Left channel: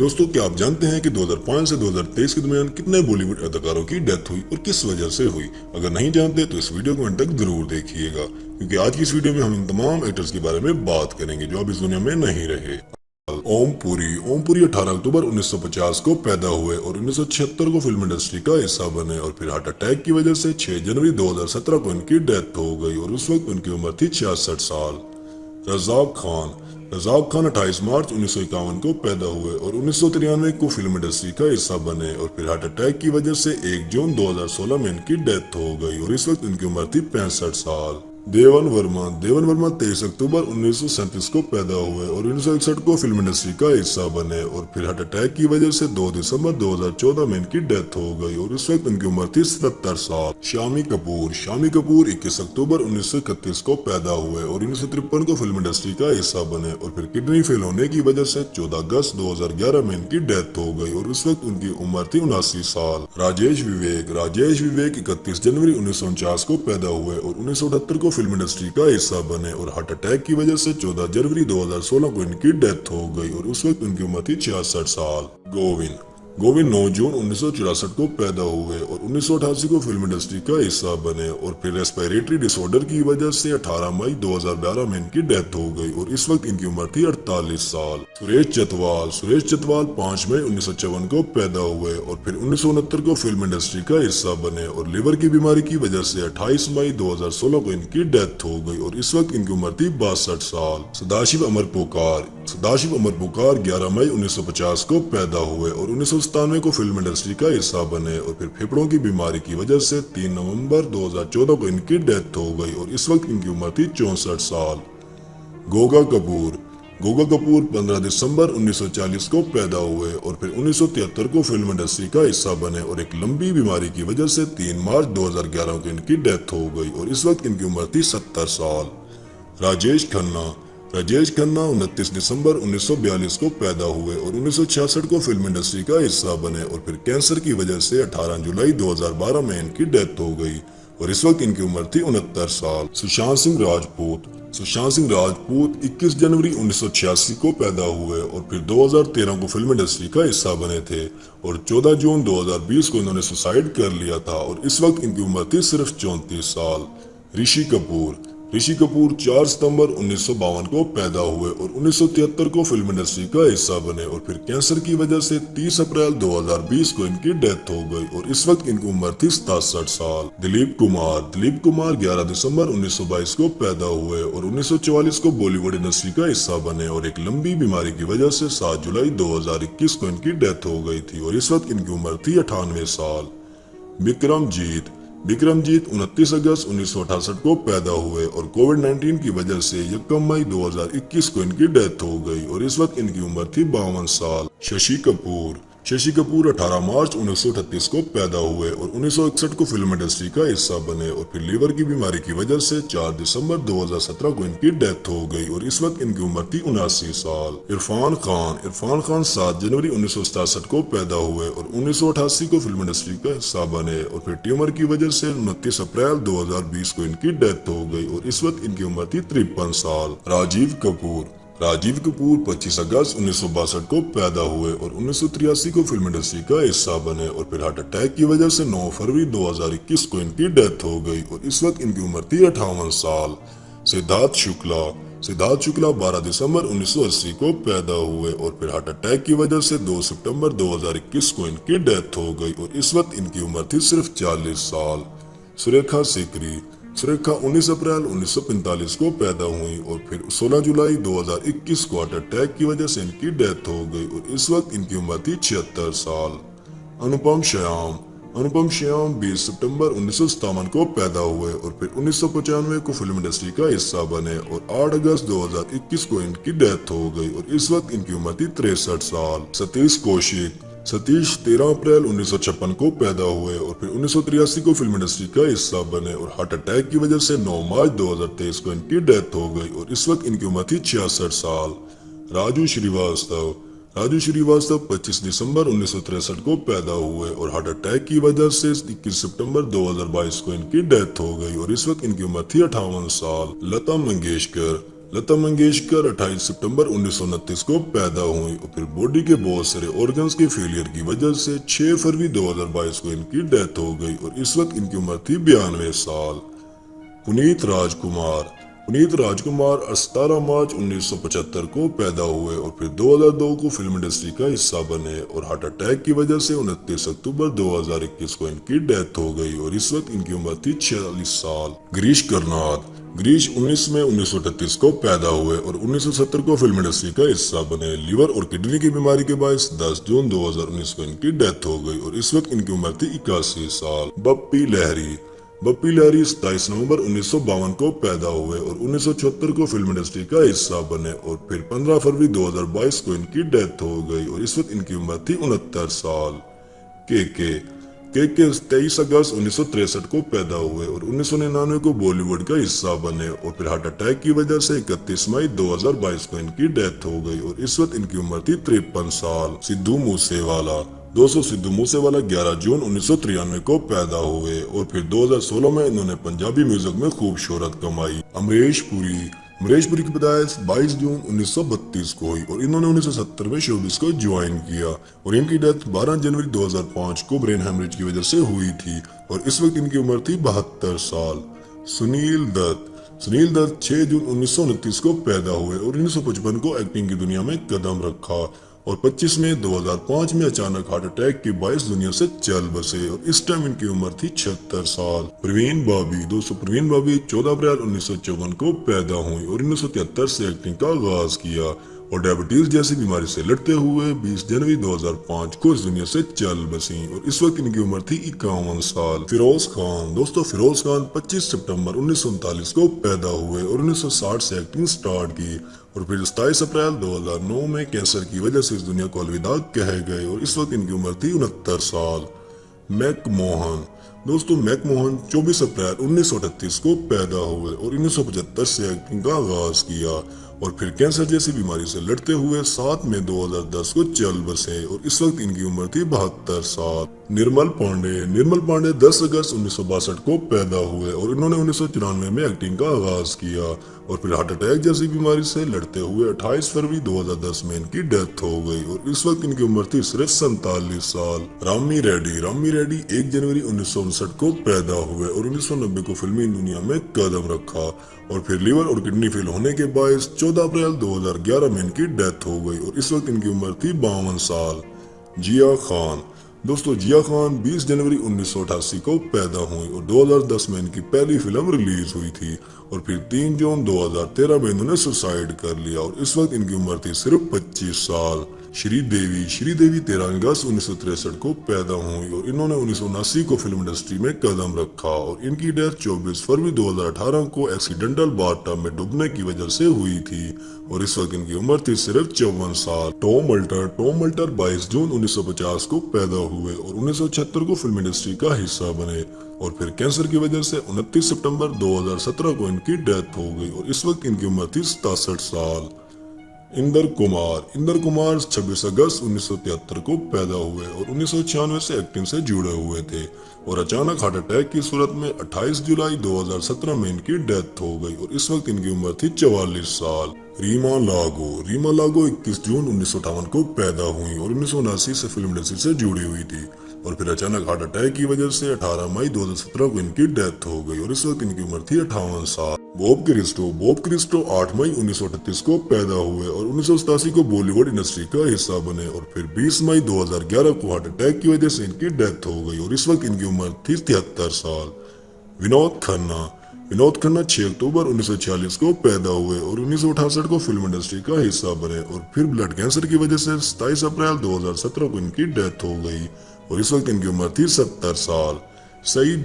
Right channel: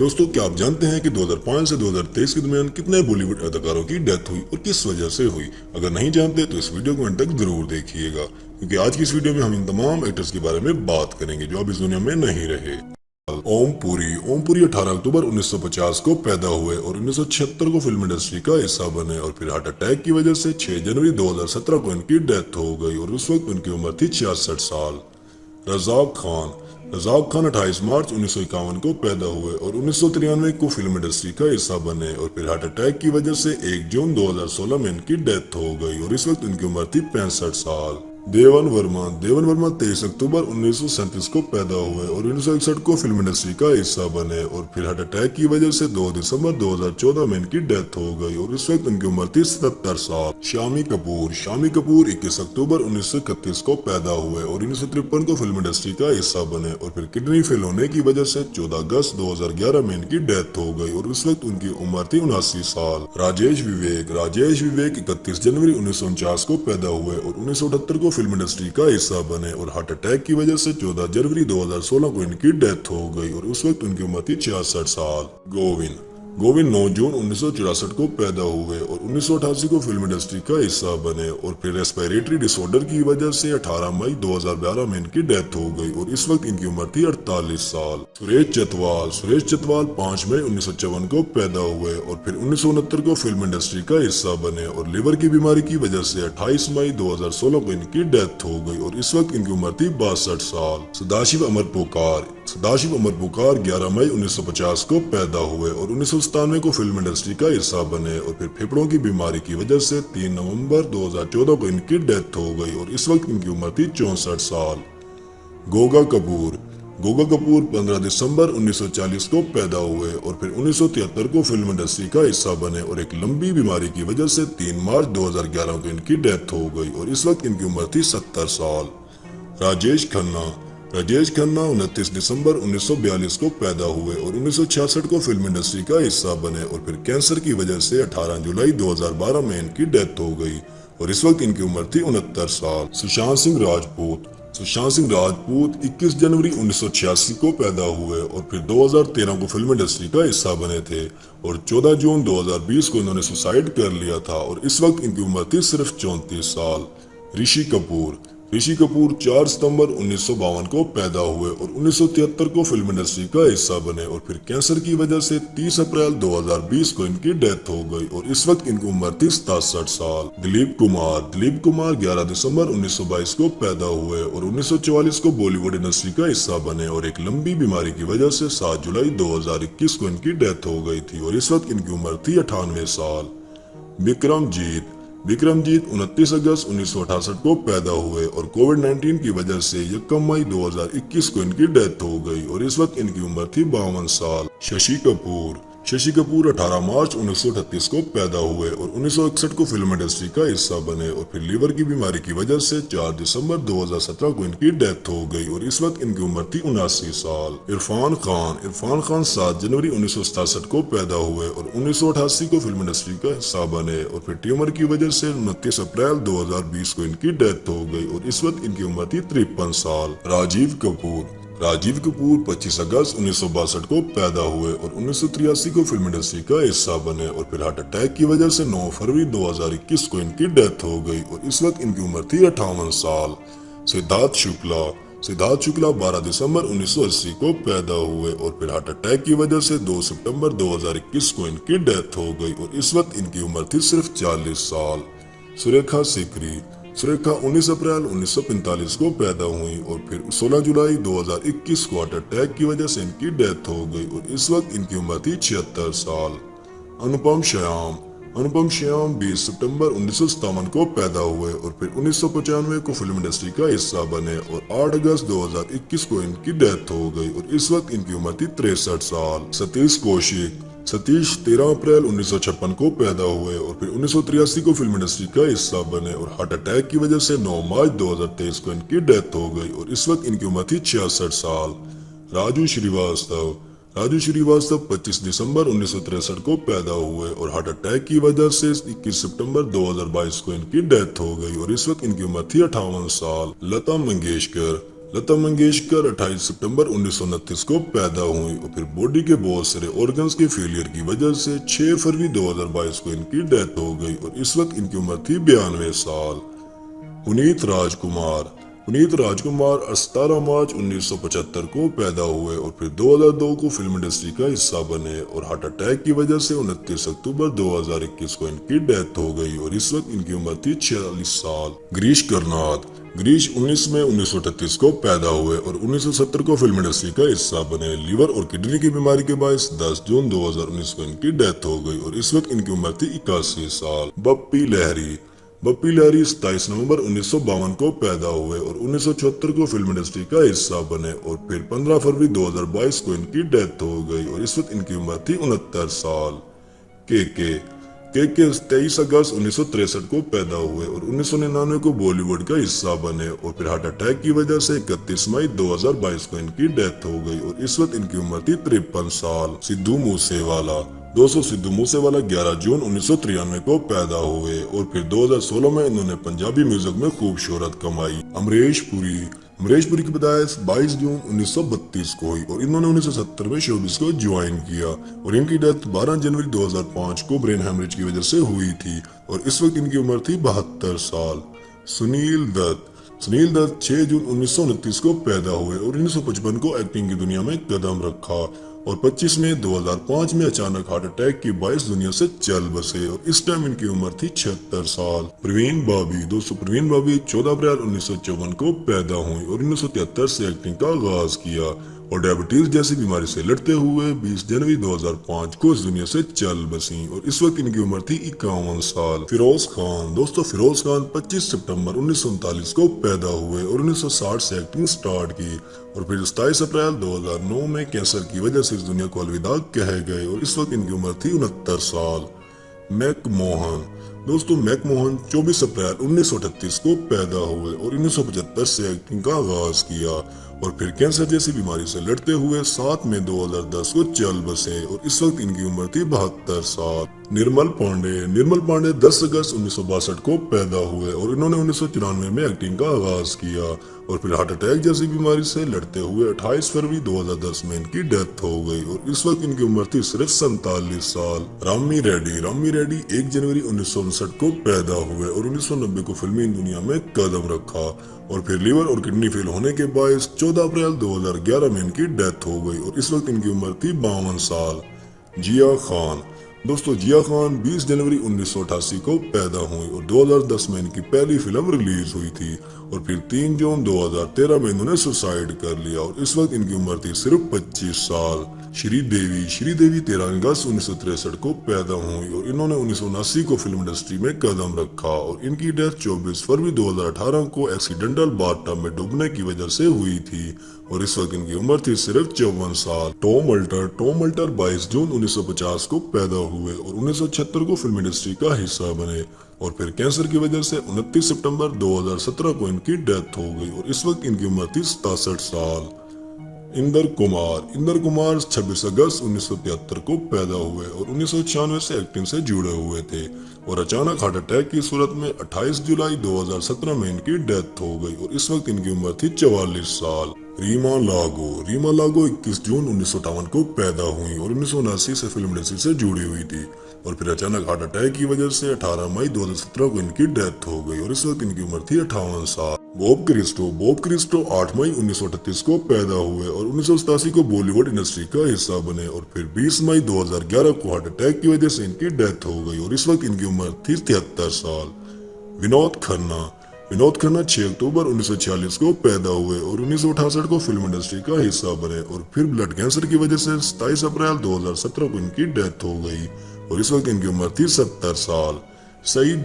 दोस्तों, क्या आप जानते हैं कि 2005 से 2023 के दरमियान कितने बॉलीवुड अदाकारों की डेथ हुई और किस वजह से हुई? अगर नहीं जानते तो इस वीडियो को अंत तक जरूर देखिएगा, क्योंकि आज की इस वीडियो में हम इन तमाम एक्टर्स के बारे में बात करेंगे जो अब इस दुनिया में नहीं रहे। ओम पुरी 18 अक्टूबर 1950 को पैदा हुए और 1976 को फिल्म इंडस्ट्री का हिस्सा बने और फिर हार्ट अटैक की वजह से 6 जनवरी 2017 को इनकी डेथ हो गई और उस वक्त उनकी उम्र थी 66 साल। रजाक खान 28 मार्च 1951 को पैदा हुए और 1993 को फिल्म इंडस्ट्री का हिस्सा बने और फिर हार्ट अटैक की वजह से 1 जून 2016 में इनकी डेथ हो गई और इस वक्त इनकी उम्र थी 65 साल। देवन वर्मा 23 अक्टूबर 1937 को पैदा हुए और 1961 को फिल्म इंडस्ट्री का हिस्सा बने और फिर हार्ट अटैक की वजह से 2 दिसंबर 2014 में इनकी डेथ हो गई और इस वक्त इनकी उम्र थी 77 साल। शामी कपूर 21 अक्टूबर 1931 को पैदा हुए और 1953 को फिल्म इंडस्ट्री का हिस्सा बने और फिर किडनी फेल होने की वजह से 14 अगस्त 2011 में इनकी डेथ हो गई और इस वक्त उनकी उम्र थी 79 साल। राजेश विवेक 31 जनवरी 1949 को पैदा हुए और 1978 को फिल्म इंडस्ट्री का हिस्सा बने और हार्ट अटैक की वजह से 14 जनवरी 2016 को इनकी डेथ हो गई और उस वक्त उनकी उम्र थी 66 साल। गोविंद 9 जून 1964 को पैदा हुए और 1988 को फिल्म इंडस्ट्री का हिस्सा बने और फिर रेस्पिरेटरी डिसऑर्डर की वजह से 18 मई 2012 में इनकी डेथ हो गई और इस वक्त इनकी उम्र थी 48 साल। सुरेश चतवाल 5 मई 1954 को पैदा हुए और फिर 1969 को फिल्म इंडस्ट्री का हिस्सा बने और लिवर की बीमारी की वजह से 28 मई 2016 को इनकी डेथ हो गई और इस वक्त इनकी उम्र थी 62 साल। सदाशिव अमर पुकार 11 मई 1950 को पैदा हुए और 1997 को फिल्म इंडस्ट्री का हिस्सा बने और फिर फेफड़ों की बीमारी की वजह से 3 नवंबर 2014 को इनकी डेथ हो गई और इस वक्त इनकी उम्र थी 64 साल। गोगा कपूर 15 दिसंबर 1940 को पैदा हुए और फिर 1973 को फिल्म इंडस्ट्री का हिस्सा बने और एक लंबी बीमारी की वजह से 3 मार्च 2011 को इनकी डेथ हो गई और इस वक्त इनकी उम्र थी 70 साल। राजेश खन्ना 29 दिसंबर 1942 को पैदा हुए और 1966 को फिल्म इंडस्ट्री का हिस्सा बने और फिर कैंसर की वजह से 18 जुलाई 2012 में इनकी डेथ हो गई और इस वक्त इनकी उम्र थी 69 साल। सुशांत सिंह राजपूत 21 जनवरी 1986 को पैदा हुए और फिर 2013 को फिल्म इंडस्ट्री का हिस्सा बने थे और 14 जून 2020 को इन्होंने सुसाइड कर लिया था और इस वक्त इनकी उम्र थी सिर्फ 34 साल। ऋषि कपूर 4 सितंबर 1952 को पैदा हुए और 1973 को फिल्म इंडस्ट्री का हिस्सा बने और फिर कैंसर की वजह से 30 अप्रैल 2020 को इनकी डेथ हो गई और इस वक्त इनकी उम्र थी 67 साल। दिलीप कुमार 11 दिसंबर 1922 को पैदा हुए और 1944 को बॉलीवुड इंडस्ट्री का हिस्सा बने और एक लंबी बीमारी की वजह से 7 जुलाई 2021 को इनकी डेथ हो गई थी और इस वक्त इनकी उम्र थी 98 साल। विक्रमजीत 29 अगस्त 1968 को पैदा हुए और कोविड-19 की वजह से 1 मई 2021 को इनकी डेथ हो गई और इस वक्त इनकी उम्र थी 52 साल। शशि कपूर 18 मार्च 1938 को पैदा हुए और 1961 को फिल्म इंडस्ट्री का हिस्सा बने और फिर लीवर की बीमारी की वजह से 4 दिसंबर 2017 को इनकी डेथ हो गई और इस वक्त इनकी उम्र थी 79 साल। इरफान खान 7 जनवरी 1967 को पैदा हुए और 1988 को फिल्म इंडस्ट्री का हिस्सा बने और फिर ट्यूमर की वजह से 29 अप्रैल 2020 को इनकी डेथ हो गई और इस वक्त इनकी उम्र थी 53 साल। राजीव कपूर 25 अगस्त 1962 को पैदा हुए और 1983 को फिल्म इंडस्ट्री का हिस्सा बने और फिर हार्ट अटैक की वजह से 9 फरवरी 2021 को इनकी डेथ हो गई और इस वक्त इनकी उम्र थी 58 साल। सिद्धार्थ शुक्ला 12 दिसंबर 1980 को पैदा हुए और फिर हार्ट अटैक की वजह से 2 सितंबर 2021 को इनकी डेथ हो गई और इस वक्त इनकी उम्र थी सिर्फ 40 साल। सुरेखा 19 अप्रैल 1945 को पैदा हुई और फिर 16 जुलाई 2021 को हार्ट अटैक की वजह से इनकी डेथ हो गई और इस वक्त इनकी उम्र थी 76 साल। अनुपम श्याम 20 सितंबर 1957 को पैदा हुए और फिर 1995 को फिल्म इंडस्ट्री का हिस्सा बने और 8 अगस्त 2021 को इनकी डेथ हो गई और इस वक्त इनकी उम्र थी 63 साल। सतीश 13 अप्रैल 1956 को पैदा हुए और फिर 1983 को फिल्म इंडस्ट्री का हिस्सा बने और हार्ट अटैक की वजह से 9 मार्च 2023 को इनकी डेथ हो गई और इस वक्त इनकी उम्र थी 66 साल। राजू श्रीवास्तव 25 दिसंबर 1963 को पैदा हुए और हार्ट अटैक की वजह से 21 सितंबर 2022 को इनकी डेथ हो गई और इस वक्त इनकी उम्र थी 58 साल। लता मंगेशकर 28 सितंबर 1929 को पैदा हुई और फिर बॉडी के बहुत सारे ऑर्गन्स के फेलियर की वजह से 6 फरवरी 2022 को इनकी डेथ हो गई और इस वक्त इनकी उम्र थी 92 साल। पुनीत राजकुमार 17 मार्च 1975 को पैदा हुए और फिर 2002 को फिल्म इंडस्ट्री का हिस्सा बने और हार्ट अटैक की वजह से 29 अक्टूबर 2021 को इनकी डेथ हो गई और इस वक्त इनकी उम्र थी 46 साल। गिरीश 19 मई 1938 को पैदा हुए और 1970 को फिल्म इंडस्ट्री का हिस्सा बने। लिवर और किडनी की बीमारी के बायस 10 जून 2019 को इनकी डेथ हो गई और इस वक्त इनकी उम्र थी 81 साल। बप्पी लहरी 27 नवंबर 1952 को पैदा हुए और 1974 को फिल्म इंडस्ट्री का हिस्सा बने और फिर 15 फरवरी 2022 को इनकी डेथ हो गई और इस वक्त इनकी उम्र थी 69 साल। के 23 अगस्त 1963 को पैदा हुए और 1999 को बॉलीवुड का हिस्सा बने और फिर हार्ट अटैक की वजह से 31 मई 2022 को इनकी डेथ हो गई और इस वक्त इनकी उम्र थी 53 साल। सिद्धू मूसेवाला 11 जून 1993 को पैदा हुए और फिर 2016 में इन्होंने पंजाबी म्यूजिक में खूब शोहरत कमाई। अमरीश पुरी की पैदाइश 22 जून 1932 को हुई और इन्होंने 1970 में शोबिस को ज्वाइन किया और इनकी डेथ 12 जनवरी 2005 को ब्रेन हेमरेज की वजह से हुई थी और इस वक्त इनकी उम्र थी 72 साल। सुनील दत्त 6 जून 1929 को पैदा हुए और 1955 को एक्टिंग की दुनिया में कदम रखा और 25 मई 2005 में अचानक हार्ट अटैक के बायस दुनिया से चल बसे और इस टाइम इनकी उम्र थी 76 साल। प्रवीण बाबी 14 अप्रैल 1954 को पैदा हुई और 1973 से एक्टिंग का आगाज किया और डायबिटीज जैसी बीमारी से लड़ते हुए 20 जनवरी 2005 को इस दुनिया से चल बसी और इस वक्त इनकी उम्र थी 51 साल। फिरोज खान 25 सितंबर 1939 को पैदा हुए और 1960 से एक्टिंग स्टार्ट की और फिर 27 अप्रैल 2009 में कैंसर की वजह से इस दुनिया को अलविदा कह गए और इस वक्त इनकी उम्र थी 69 साल। मैकमोहन 24 अप्रैल 1938 को पैदा हुए और 1975 से एक्टिंग का आगाज किया और फिर कैंसर जैसी बीमारी से लड़ते हुए 7 मई 2010 को चल बसे और इस वक्त इनकी उम्र थी 72 साल। निर्मल पांडे 10 अगस्त 1962 को पैदा हुए और इन्होंने 1994 में एक्टिंग का आगाज किया और फिर हार्ट अटैक जैसी बीमारी से लड़ते हुए 28 फरवरी 2010 में इनकी डेथ हो गई और इस वक्त इनकी उम्र थी सिर्फ 47 साल। रामी रेड्डी 1 जनवरी 1959 को पैदा हुए और 1990 को फिल्मी दुनिया में कदम रखा और फिर लीवर और किडनी फेल होने के बायस 14 अप्रैल 2011 में इनकी डेथ हो गई और इस वक्त इनकी उम्र थी 52 साल। जिया खान 20 जनवरी 1988 को पैदा हुई और 2010 में इनकी पहली फिल्म रिलीज हुई थी और फिर 3 जून 2013 में इन्होंने सुसाइड कर लिया और इस वक्त इनकी उम्र थी सिर्फ 25 साल। श्रीदेवी 13 अगस्त 1963 को पैदा हुई और इन्होंने 1979 को फिल्म इंडस्ट्री में कदम रखा और इनकी डेथ 24 फरवरी 2018 को एक्सीडेंटल बाथटब में डूबने की वजह से हुई थी और इस वक्त इनकी उम्र थी सिर्फ 54 साल। टॉम अल्टर 22 जून 1950 को पैदा हुए और 1976 को फिल्म इंडस्ट्री का हिस्सा बने और फिर कैंसर की वजह से 29 सितंबर 2017 को इनकी डेथ हो गई और इस वक्त इनकी उम्र थी 67 साल। इंदर कुमार 26 अगस्त 1973 को पैदा हुए और 1996 से एक्टिंग से जुड़े हुए थे और अचानक हार्ट अटैक की सूरत में 28 जुलाई 2017 में इनकी डेथ हो गई और इस वक्त इनकी उम्र थी 44 साल। रीमा लागो 21 जून 1958 को पैदा हुई और 1979 से फिल्म इंडस्ट्री से जुड़ी हुई थी और फिर अचानक हार्ट अटैक की वजह से 18 मई 2017 को इनकी डेथ हो गई और इस वक्त इनकी उम्र थी 58 साल। बॉब क्रिस्टो 8 मई 1938 को पैदा हुए और 1987 को बॉलीवुड इंडस्ट्री का हिस्सा बने और फिर 20 मई 2011 को हार्ट अटैक की वजह से इनकी डेथ हो गई और इस वक्त इनकी उम्र थी 73 साल। विनोद खन्ना 6 अक्टूबर 1946 को पैदा हुए और 1968 को फिल्म इंडस्ट्री का हिस्सा बने और फिर ब्लड कैंसर की वजह से 27 अप्रैल 2017 को इनकी डेथ हो गई और इस वक्त इनकी उम्र थी 70 साल। सईद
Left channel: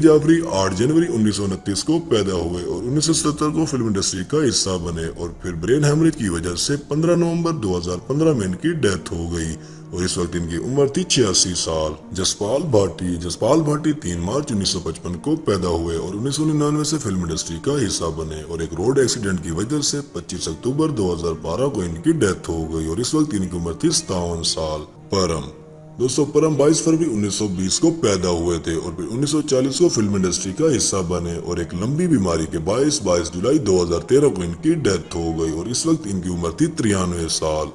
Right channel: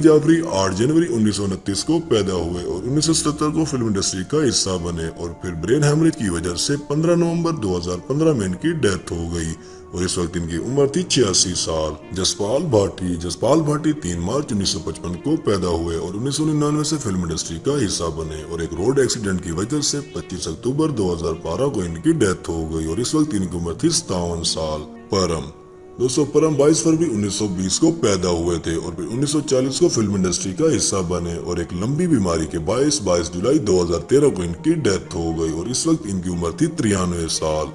जाफरी 8 जनवरी 1929 को पैदा हुए और 1970 को फिल्म इंडस्ट्री का हिस्सा बने और फिर ब्रेन हेमरेज की वजह से 15 नवंबर 2015 में इनकी डेथ हो गई और इस वक्त इनकी उम्र थी 86 साल। जसपाल भाटी 3 मार्च 1955 को पैदा हुए और 1999 से फिल्म इंडस्ट्री का हिस्सा बने और एक रोड एक्सीडेंट की वजह से 25 अक्टूबर 2012 को इनकी डेथ हो गई और इस वक्त इनकी उम्र थी 57 साल। दोस्तों परम 22 फरवरी 1920 को पैदा हुए थे और फिर 1940 को फिल्म इंडस्ट्री का हिस्सा बने और एक लंबी बीमारी के 22 जुलाई 2013 को इनकी डेथ हो गई और इस वक्त इनकी उम्र थी 93 साल।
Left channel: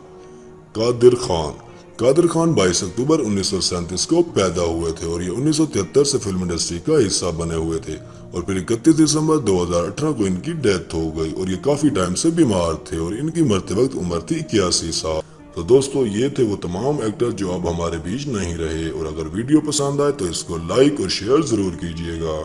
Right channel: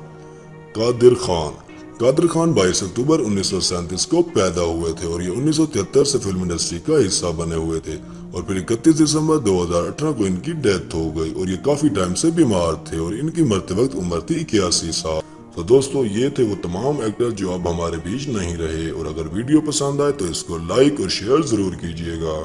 कादिर खान 22 अक्टूबर 1937 को पैदा हुए थे और ये 1973 से फिल्म इंडस्ट्री का हिस्सा बने हुए थे और फिर 31 दिसंबर 2018 को इनकी डेथ हो गई और ये काफी टाइम से बीमार थे और इनकी मरते वक्त उम्र थी 81 साल। तो दोस्तों ये थे वो तमाम एक्टर जो अब हमारे बीच नहीं रहे और अगर वीडियो पसंद आए तो इसको लाइक और शेयर जरूर कीजिएगा।